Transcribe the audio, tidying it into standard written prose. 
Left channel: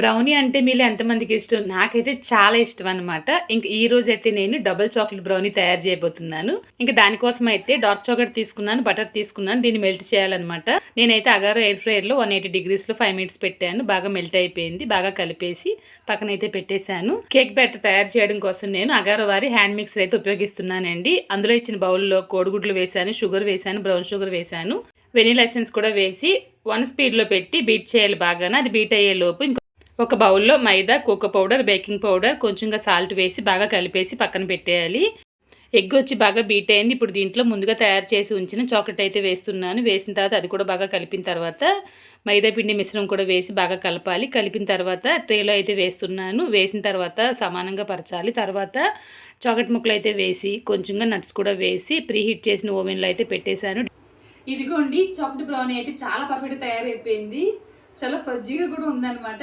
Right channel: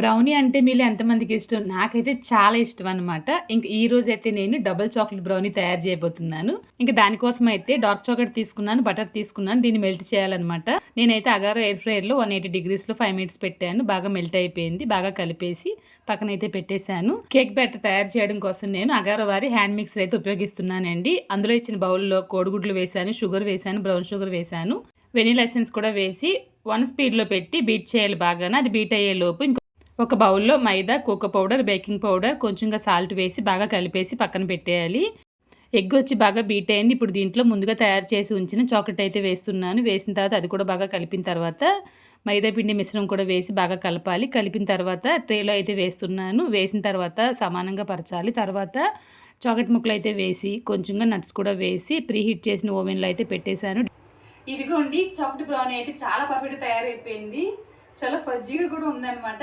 Brownie అంటే మీలో ఎంతమందికి ఇష్టం? నాకైతే చాలా ఇష్టం అనమాట. ఇంక ఈ రోజైతే నేను డబుల్ చాక్లేట్ బ్రౌనీ తయారు చేయబోతున్నాను. ఇంక దానికోసం అయితే డార్క్ చాక్లేట్ తీసుకున్నాను, బటర్ తీసుకున్నాను. దీన్ని మెల్ట్ చేయాలనమాట. నేనైతే అగారో ఎయిర్ ఫ్రైయర్‌లో 180 డిగ్రీస్‌లో 5 మినిట్స్ పెట్టాను. బాగా మెల్ట్ అయిపోయింది. బాగా కలిపేసి పక్కనైతే పెట్టేశాను. కేక్ బ్యాటర్ తయారు చేయడం కోసం నేను అగారో వారి హ్యాండ్ మిక్సర్ అయితే ఉపయోగిస్తున్నానండి. అందులో ఇచ్చిన బౌల్‌లో కోడిగుడ్లు వేశాను, షుగర్ వేశాను, బ్రౌన్ షుగర్ వేశాను. వెనిల్లా ఎసెన్స్ కూడా వేసి 1 స్పీడ్‌లో పెట్టి బీట్ చేయాలి బాగాన. అది బీట్ అయ్యేలోపు ఒక బౌల్‌లో మైదా, కోకో పౌడర్, బేకింగ్ పౌడర్, కొంచెంగా సాల్ట్ వేసి బాగా కలిపేసి పక్కన పెట్టేయాలి. ఎగ్ వచ్చి బాగా బీట్ అయింది. ఇప్పుడు దీంట్లో ముందుగా తయారు చేసి ఉంచిన చాక్లెట్ అయితే వేస్తున్నాను. వేసిన తర్వాత అది కూడా బాగా కలిపిన తర్వాత మైదా పిండి మిశ్రమం కూడా వేసి బాగా కలపాలి. కలిపిన తర్వాత ట్రేలో అయితే వేస్తున్నాను. వేసిన తర్వాత సమానంగా పరచాలి. తర్వాత చాక్లెట్ ముక్కలు అయితే వేసి కొంచెంగా నట్స్ కూడా వేసి ప్రీ హీట్ చేసిన ఓవెన్‌లో అయితే పెట్టేశాను. ఇదిగోండి చాక్లెట్ బ్రౌనీ అయితే చాలా పర్ఫెక్ట్‌గా తయారైపోయింది. చాలా ఫజ్జీగా కూడా ఉందన్నమాట.